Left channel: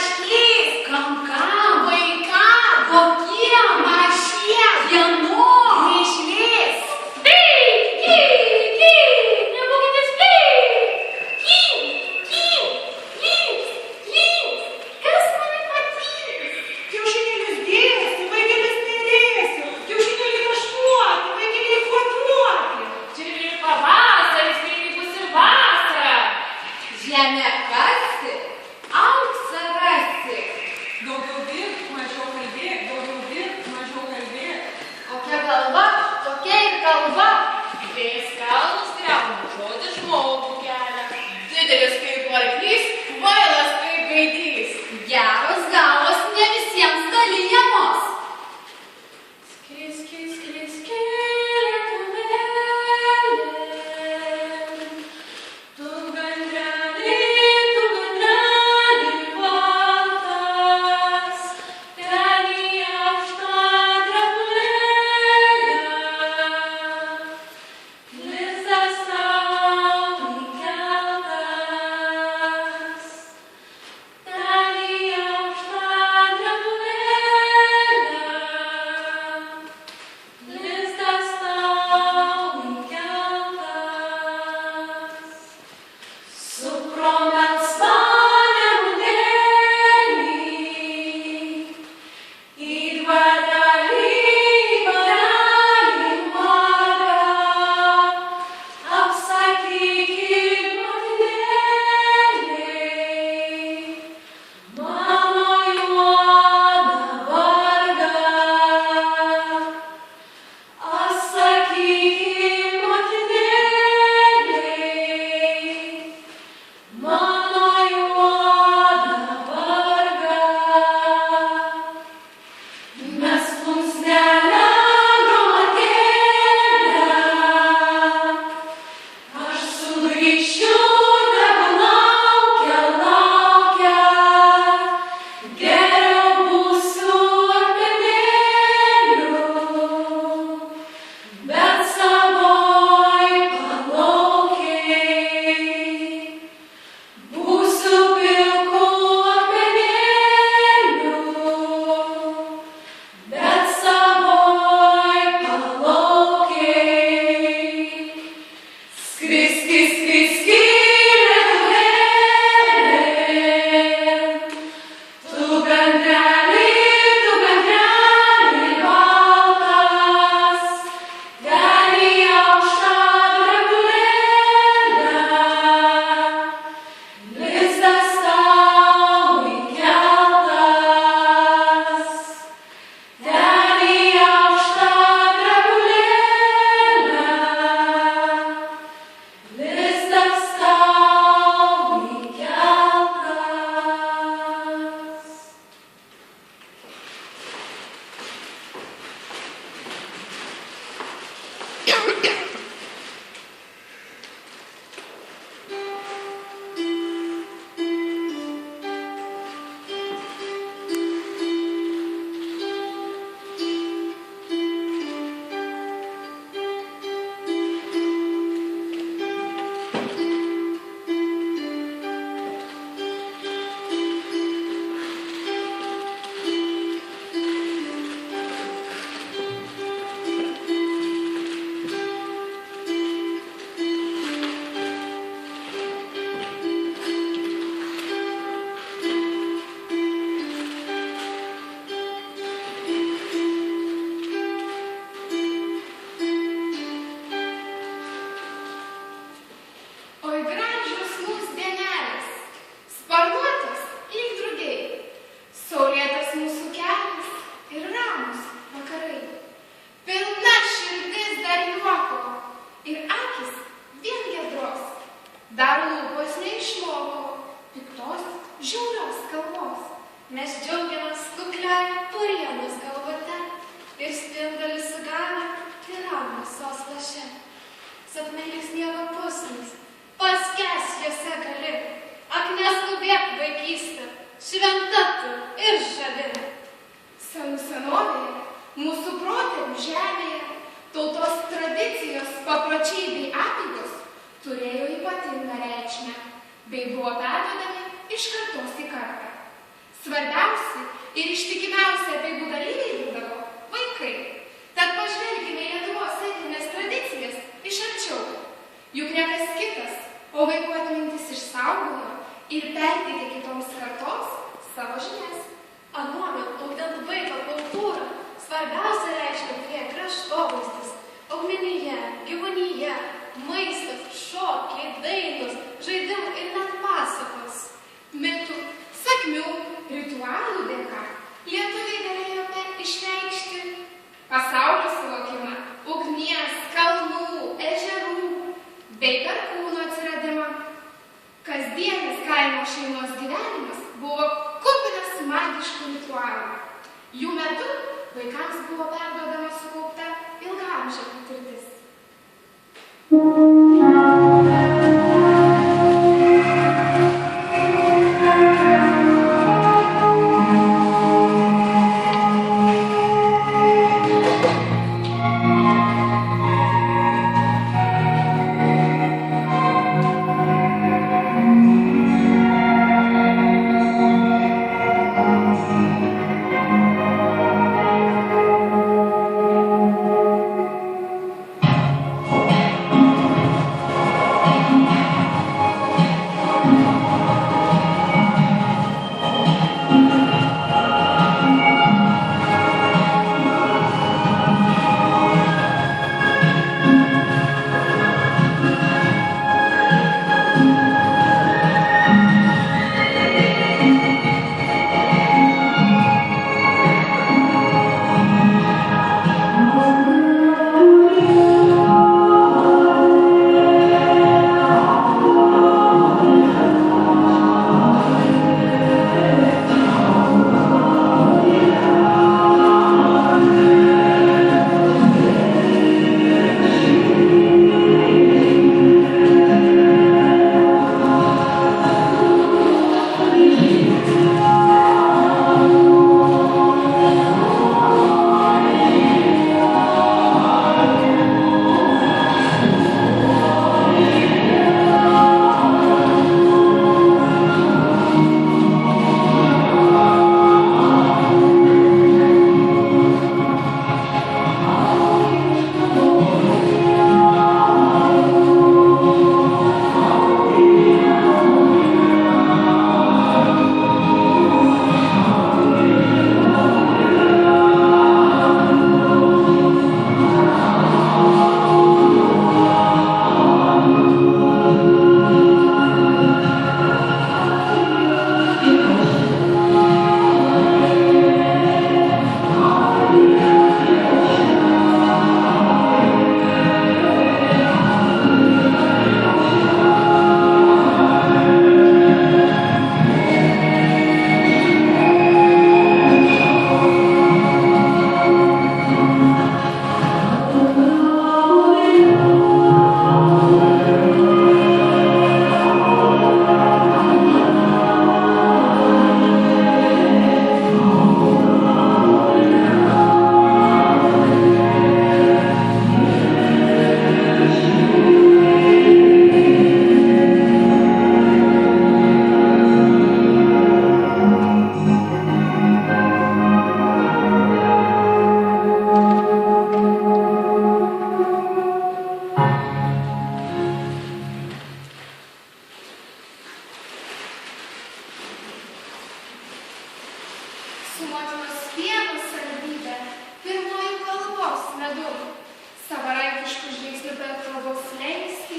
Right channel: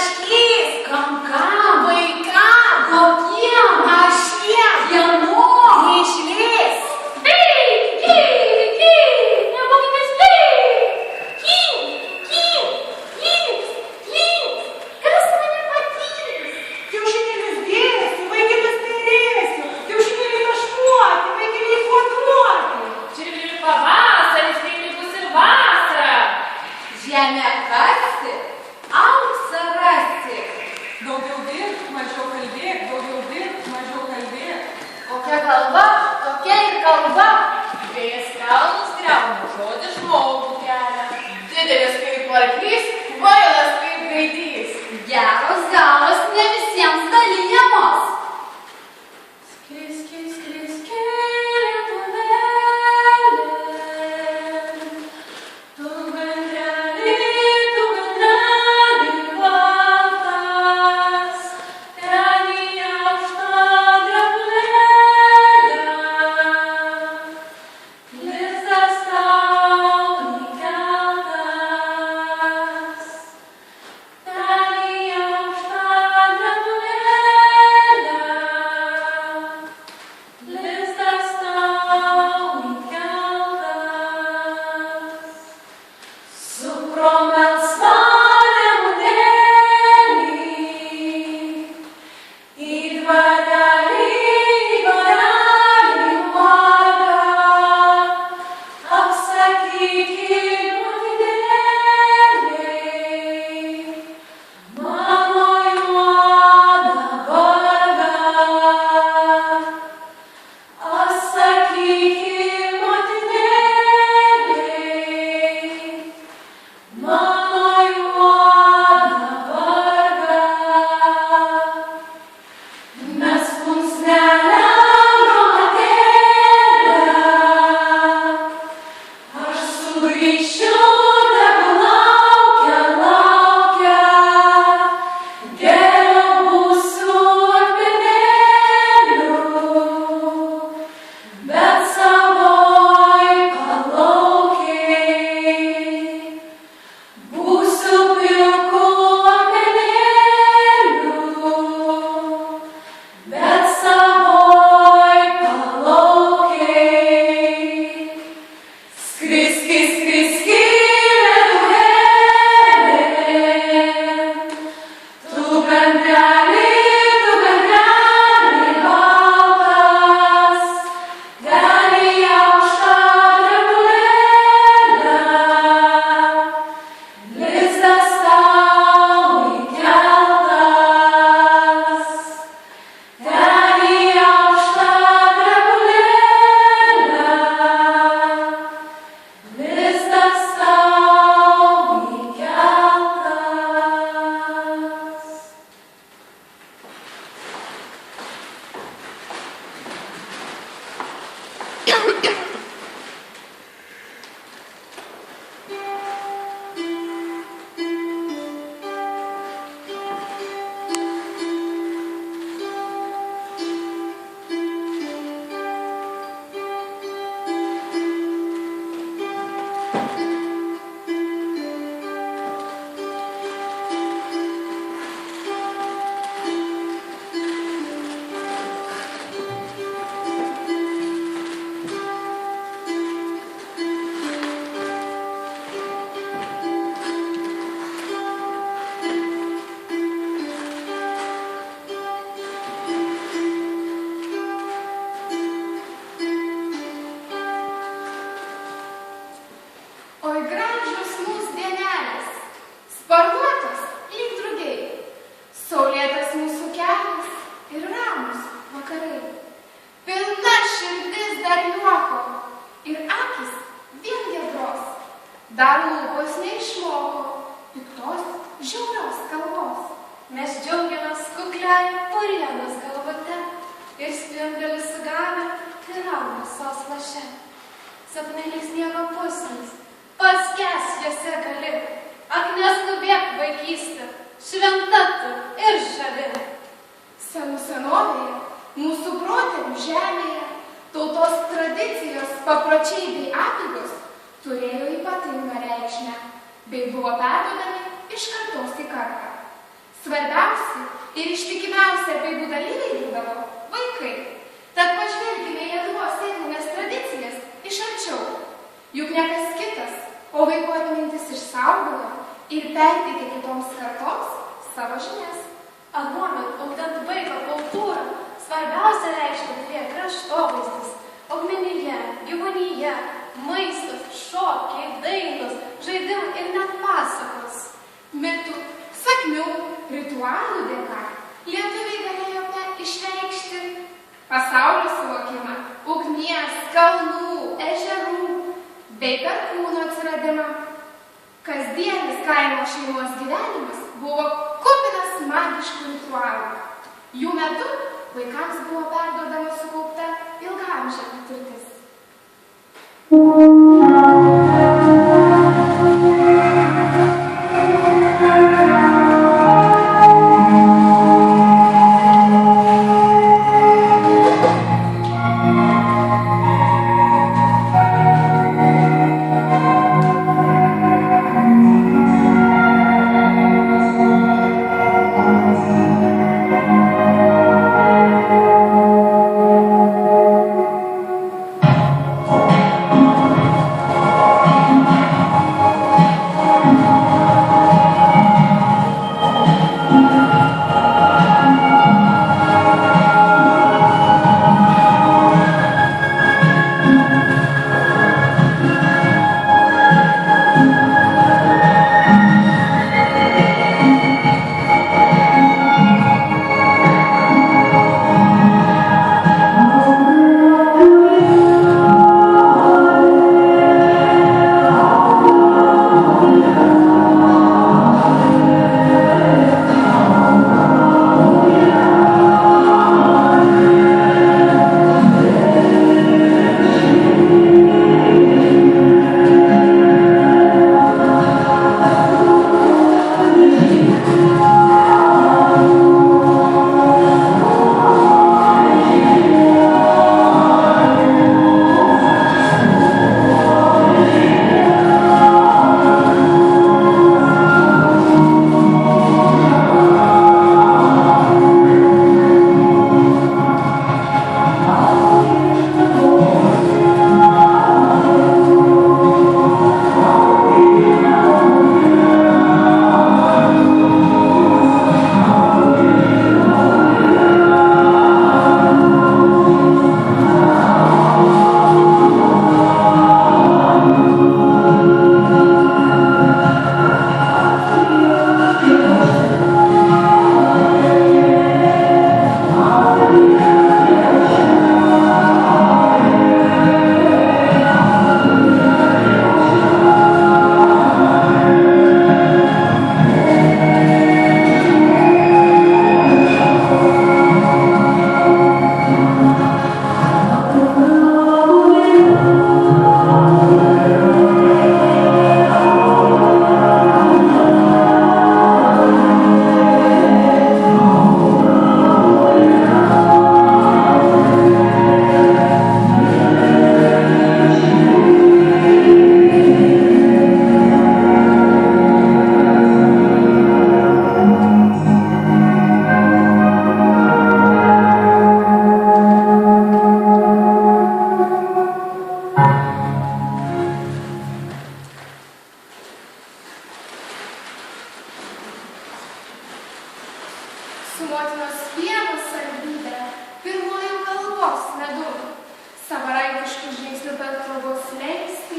Našlys. Kam? Vaikam. Kokiem? Mašiem. Kieno? Neišlys. Nebūkitės Kas mane patyrys? Kiaušinėlius dėsiu, vaikelius perėsiu. Kiaušinėliai taškuoti, vaikeliai kvaduoti. Čirvili pavasaris, kai bus ir vasara. Žemę kasti, auksą rasti. Daugiau dirbk, mažiau kalbėk, daugiau dirbk, mažiau kalbėk. Kokia kalba, tokia ir kalba. Vėjas kalnus griauna, žodis žmogų kelia. Didelis kaip arklys, kvailas kaip gaidys. Geros galos ne visiems dalijamos. Skriski, lietuvėlė, tu gandrelį baltas, ten į aukštą drebulėlę, lizdas tau įkeltas, ten į aukštą drebulėlę. Lizdas tau įkeltas, su promelsva nemunėlį, į dvarelį karalių margą, apsakyk motinėlei, mano juodą vargą. Atsakyk motinėlei, mano juodą vargą. Mes plunksnelę gromatėlę, aš sugrįšiu, tegu laukia, geriau būsiu akmenėliu. Bet savoj palaukėj, būsiu pilku akmenėliu. Bet savoj palaukėj, skriski, lietuvėlė, tu gandrelį baltas, ten į aukštą drebulėlę, lizdas tau įkeltas, ten į aukštą drebulėlę, lizdas tau įkeltas. Oi gražios mūsų dienelės, sparnuotos lyg drugiai, saulėtas mūsų kelias ir ramus vakarai. Pilna širdis dar juoko ir akis vien giedros, dar lūpos neišmoko piktos žiaurios kalbos. Mes džiaugiamės kukliai purienos galvote ir spindulį sugavę tyranų laše. Sapnai lyg sniego pusnis, paskęs jose gali, ak neskubėk vaikystė, šventa tu ir žavi. Senų senovėje, mūsų protėvių žemėje, tautos tradicijos, papročiai bei apeigos turėjo ypatingą reikšmę, bei buvo perduodami iš kartos į kartą. Svarbiausi ir ištikimiausi apeigų dalyviai būdavo vaikai. Tad pažvelkime į Lietuvos etninės tradicijas iš arčiau. Juk ne kas kitas, o vaikų atmintis išsaugojo ir perteikė kitoms kartoms savo žinias. Anuomet, ugdant vaiko kultūrą, svarbiausia reikšmė turėjo kraštovaizdis, augmenija, gyvūnija, maistas, šokiai, dainos, žaidimai ir net pasakos. Mitų, sakmių, ritualų dėka lietuviai galėjo išreikšti pasaulio suvokimą, ugnies, kalnų, ežerų bei perkūno atsiradimą. Kasdienis kaimo šeimos gyvenimas buvo kupinas magiškų ritualų. Jų metu vaikams buvo perduodama sukaupta ilgaamžė patirtis. Su motinos pieno saldybė, pirmoji kalbos medum, savarankiškų žingsnių per trobos slenkstį,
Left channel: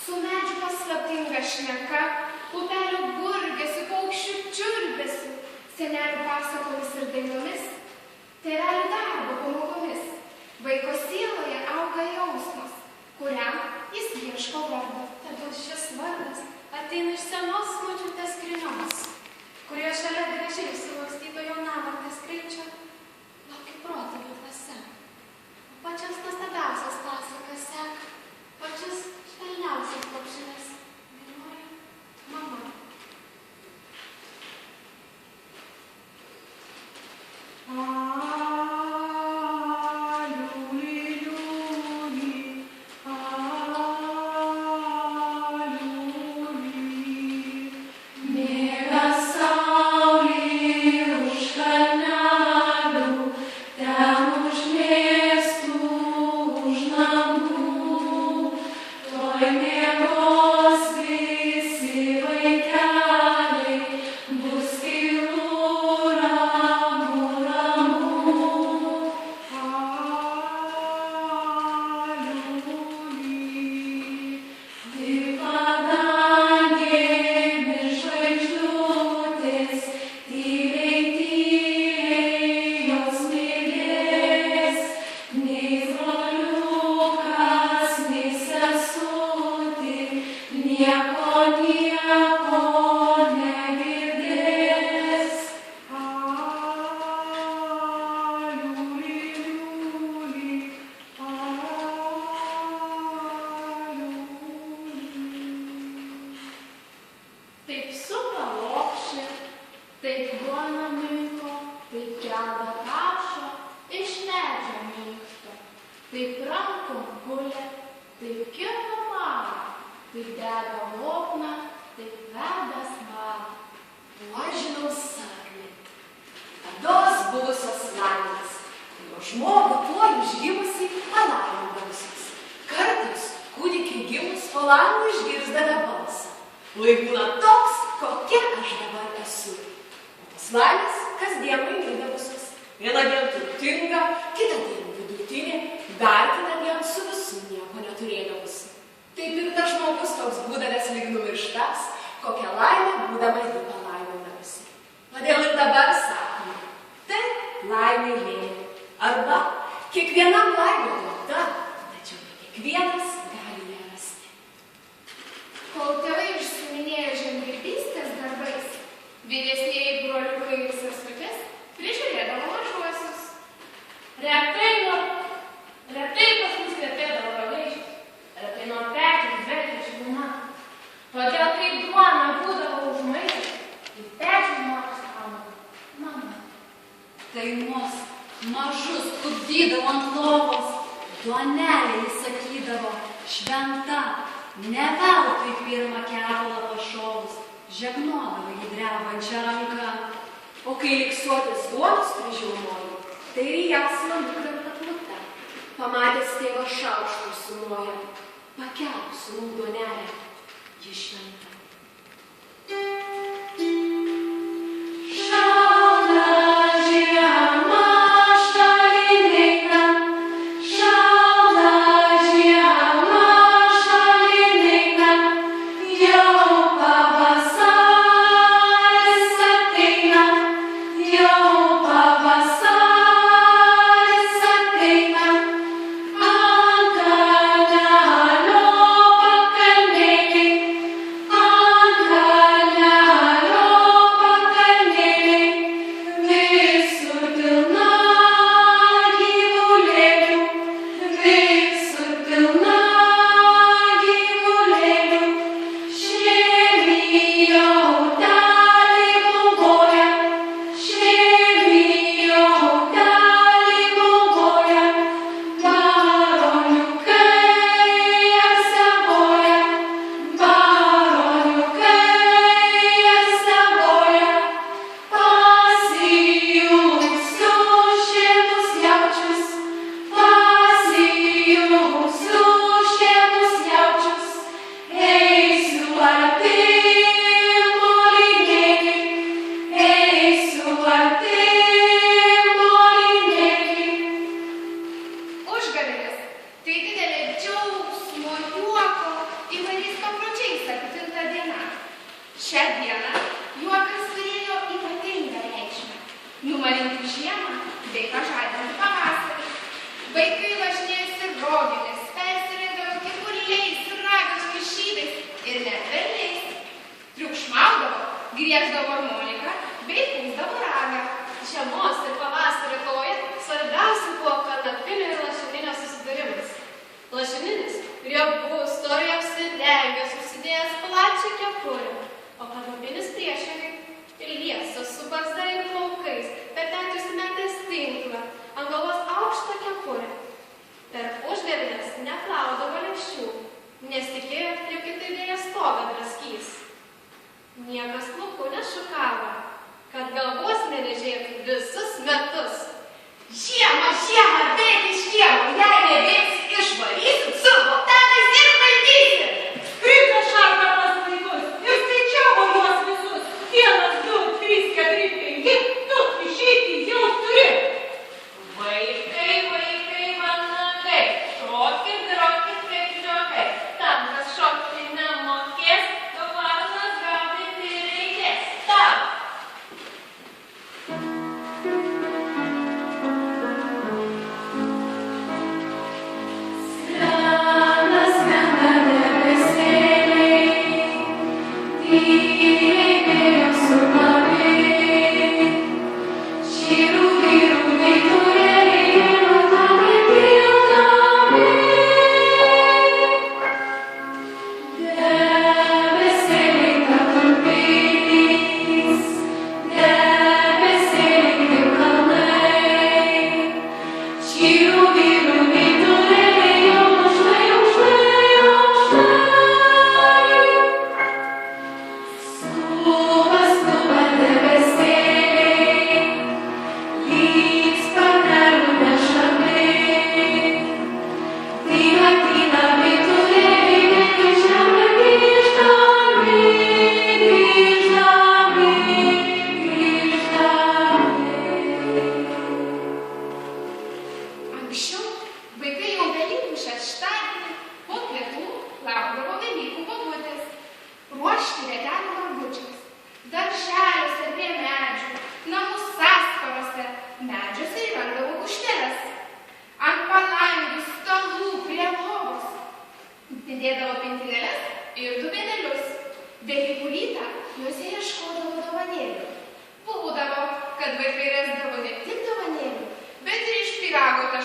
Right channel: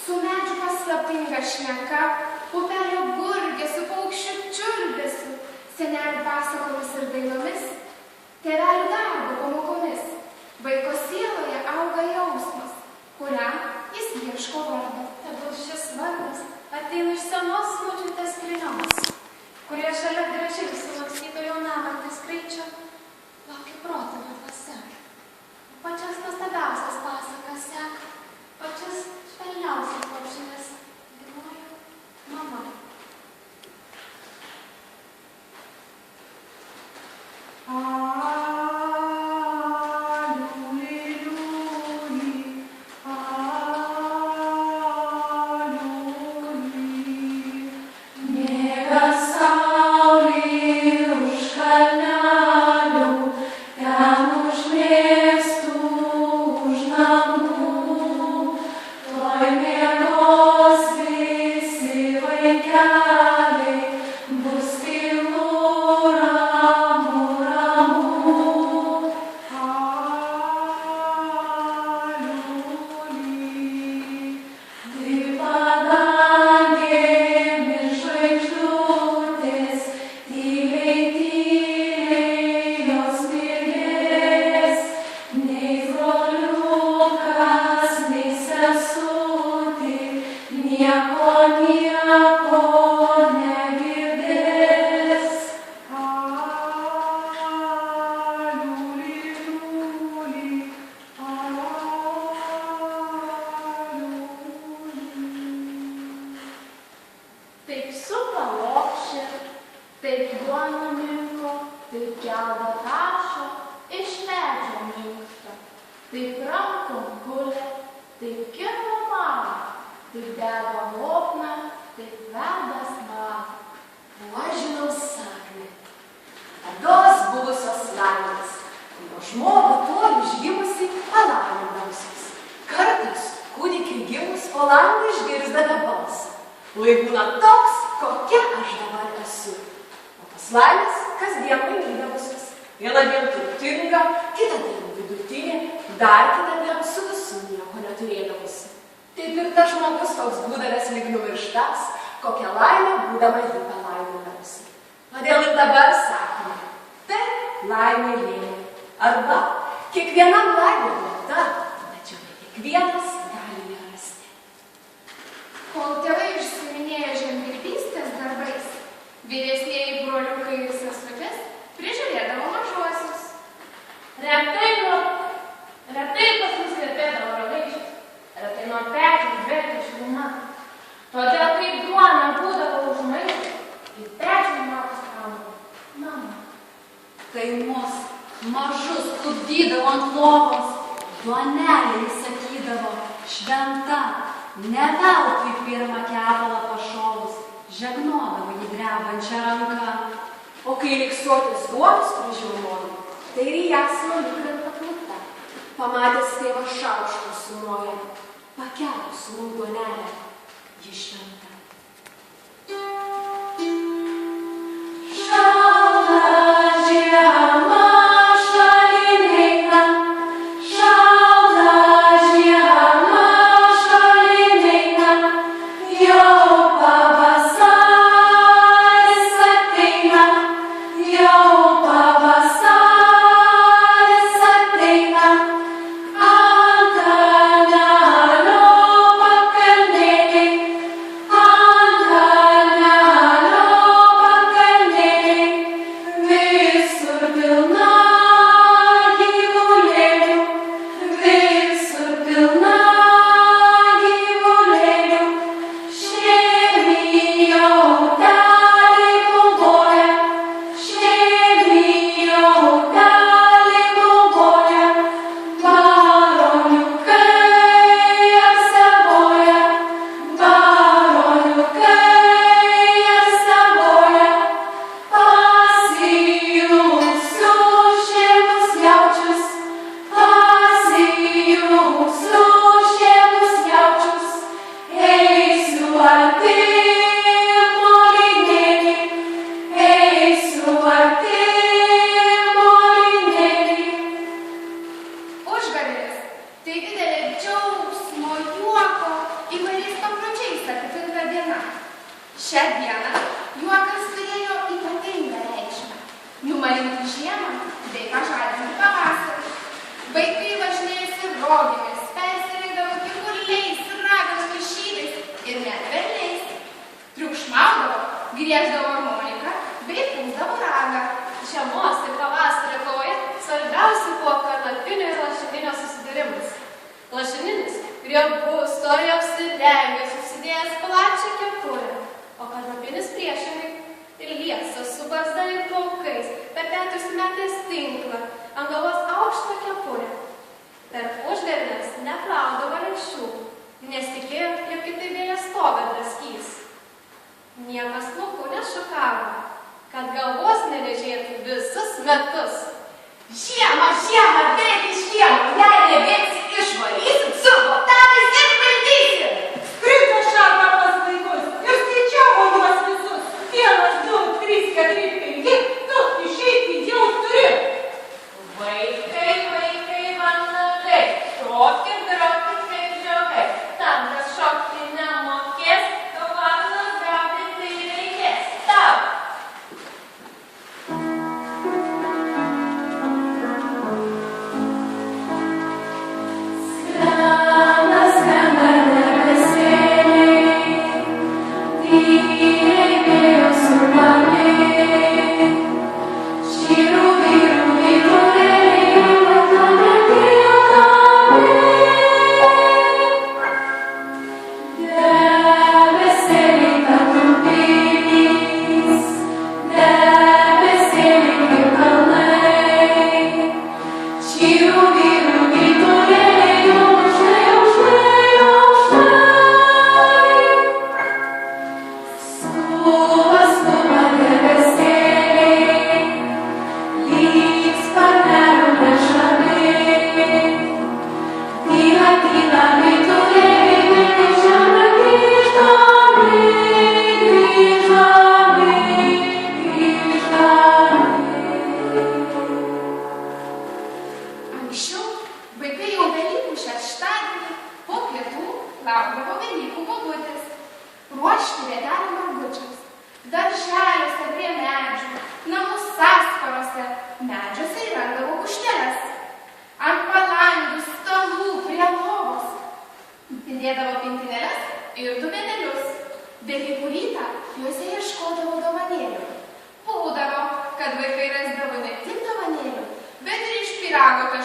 su medžių paslaptinga šneka, upelio gurgesiu, paukščių čiulbesiu, senelių pasakomis ir dainomis, tėvelių darbo pamokomis, vaiko sieloje auga jausmas, kuriam jis ieško vardo. Tegul šis vardas ateina iš senos močiutės skrynios, kurie šalia gražiai sulakstyto jaunamartės kraičio laukia protėvių dvasia. O pačias nuostabiausias pasakas seka, pačias švelniausias lopšines dainuoja mama. taip rankom gulė, taip kirpo mama, taip dega lopna, taip veda smagu. O aš žinau sakmę. Tados buvusios laimės, kurio žmogų tuo išgimusi palaimindausios. Kartais kūdikiai gimus po langu išgirsdavo balsą. Lai būna toks, kokia aš dabar esu. O tos laimės kasdien mainydavusios. Vieną dieną turtinga, kitą dieną vidutinė, dar kitą dieną su visų nieko neturėdavusi. Taip ir tas žmogus toks būdavęs lyg numirštas, kokią laimę būdama jį palaimindavusi. Todėl ir dabar sakome, taip laimė lėmė. Arba kiekvienam laimė duota, tačiau ne kiekvienas gali ją rasti. Kol tėvai užsiiminėjo žemdirbystės darbais, vyresnieji broliukai ir sesutės prižiūrėdavo mažuosius. Retai pas mus kvepėdavo ragaiščiais, retai man pečius dvelkė šiluma. Todėl, kai duona būdavo užmaišęs, į pečių mamos kalbą. Mama. Tai mus mažus klupdydavo ant lovos, duonelė jis sakydavo, šventa, ne veltui pirmą kepalą pašovus, žegnodavo jį drebančią ranką. O kai riksuotis duonos prižiūrojo, tai ir jas nukrenta plutą. Pamatęs tėvą šaukštų sumoja, pakelus raudonelę, ji šventa.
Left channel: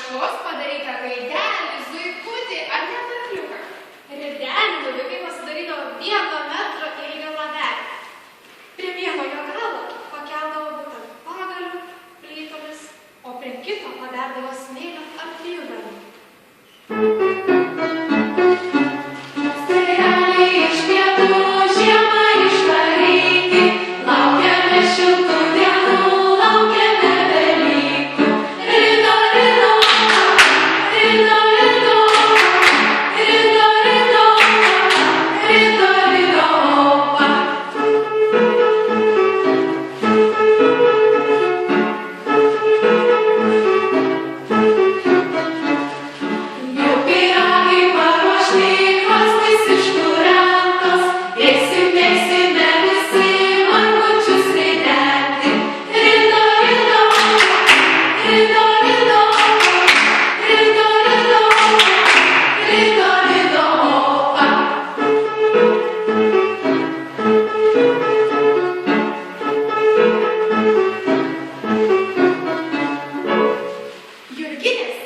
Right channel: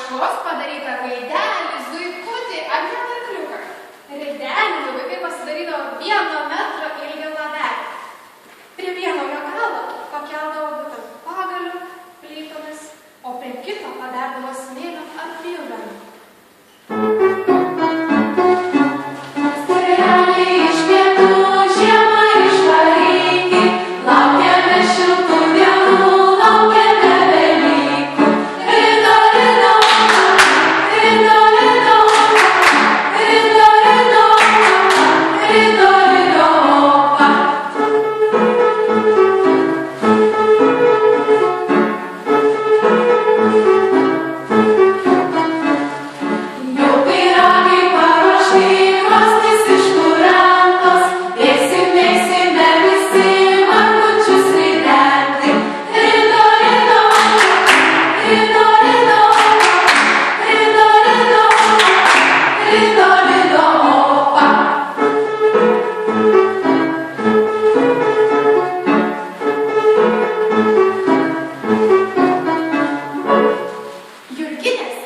rankšluos padarytą gaidelį, zuikutį ar net arkliuką. Ridenį vaikai pasidarydavo 1 metro ilgio lavelį. Prie vieno jo galo pakeldavo būtent pagaliu, plytomis, o prie kito paderdavo smėlio ar plyvelių. Jurgelis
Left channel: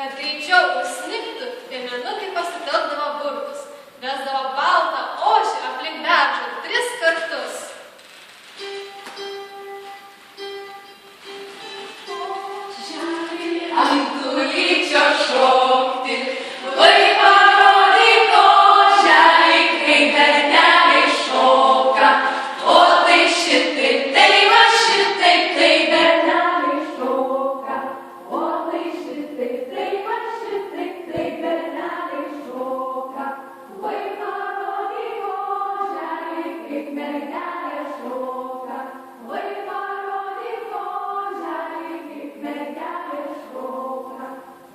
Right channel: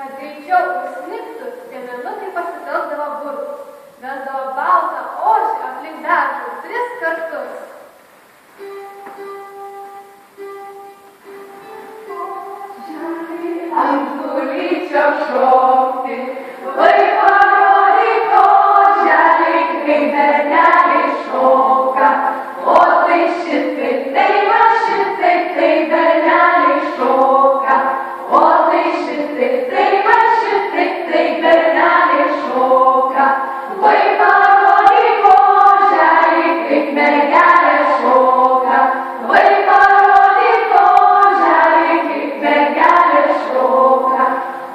Kad greičiau užsnigtų, piemenukai pasitelkdavo burtus, vesdavo baltą ožį aplink beržą 3 kartus. Šokti, vai parodyk oželį, kaip berneliai šoka. O tai šitaip, tai va šitaip, tai berneliai šoka. O tai šitaip, tai va šitaip, tai berneliai šoka. Vai parodyk oželį, kaip mergelė šoka. Vai parodyk oželį, kaip mergelė šoka.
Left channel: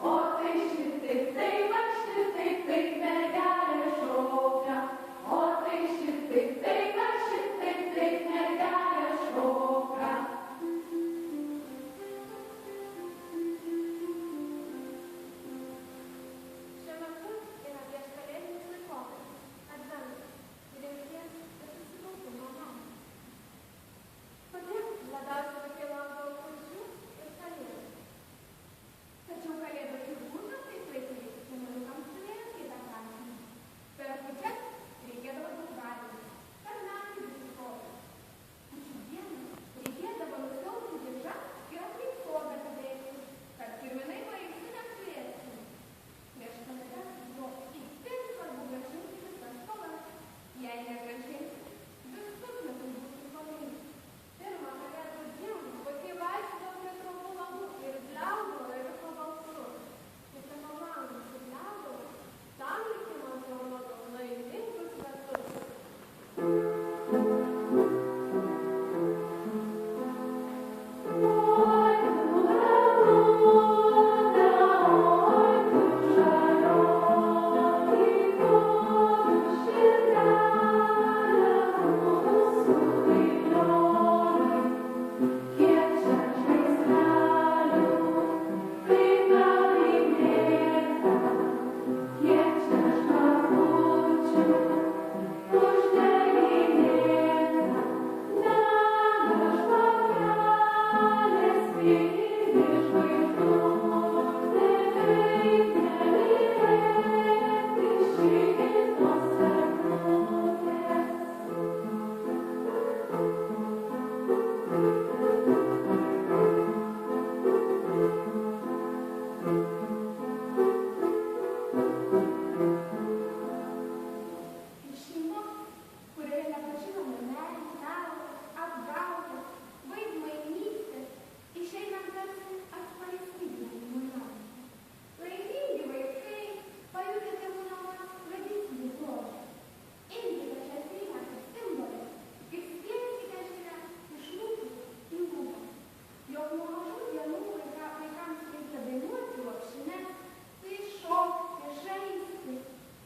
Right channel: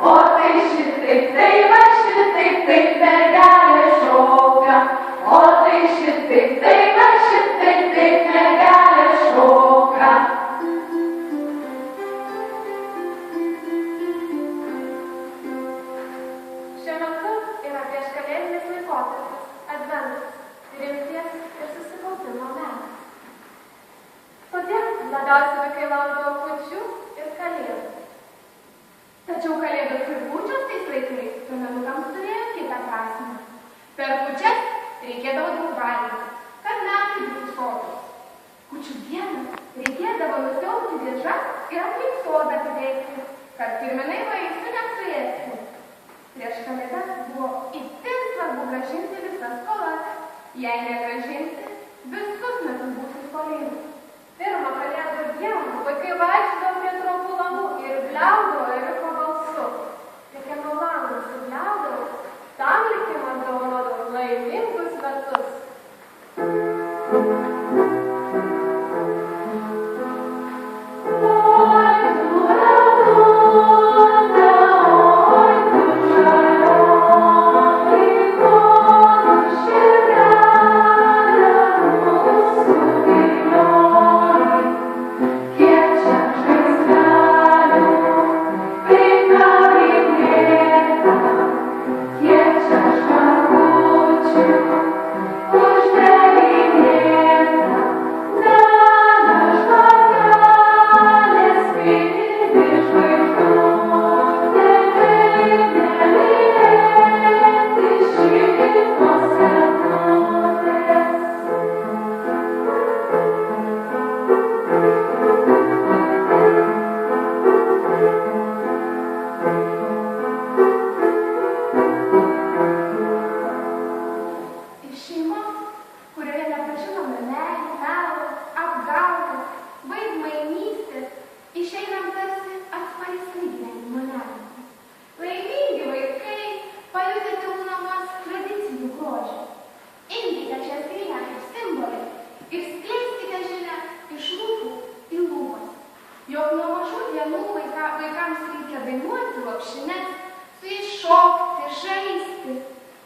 O tai šitaip, tai va šitaip, taip mergelė šoka. O tai šitaip, tai va šitaip, taip mergelė šoka. Šiuo metu yra prieškalėdinis laikotarpis, adventas, rimties ir susikaupimo metas. Todėl labiausiai vaikai laukdavo kūčių ir kalėdų. Tačiau kalėdos ir kūčios tais laikais piemenukams turėjo kitą prasmę. Per kūčias reikėdavo daug valgyti, kad metai būtų sotūs. Kūčių dieną reikėdavo nusiauti dėžas ir aplink sodą apibėgti, kad kirminai vaisių nesuėstų. Prieš kalėdas buvo itin svarbu grąžinti visas skolas. Jei negrąžinsi, visus metus būsi skolingi. Pirmą kalėdų dieną vaikai vaikščiodavo prie tropų langų ir bliaudavo ėriuko balsu. Kiekvieno langą subliaudavo, tam likimas dovanodavo laimingus metus.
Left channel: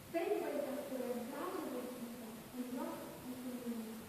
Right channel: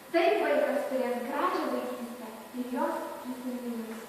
Taip vaikas turės gražią vaikystę ir jos prisiminimais.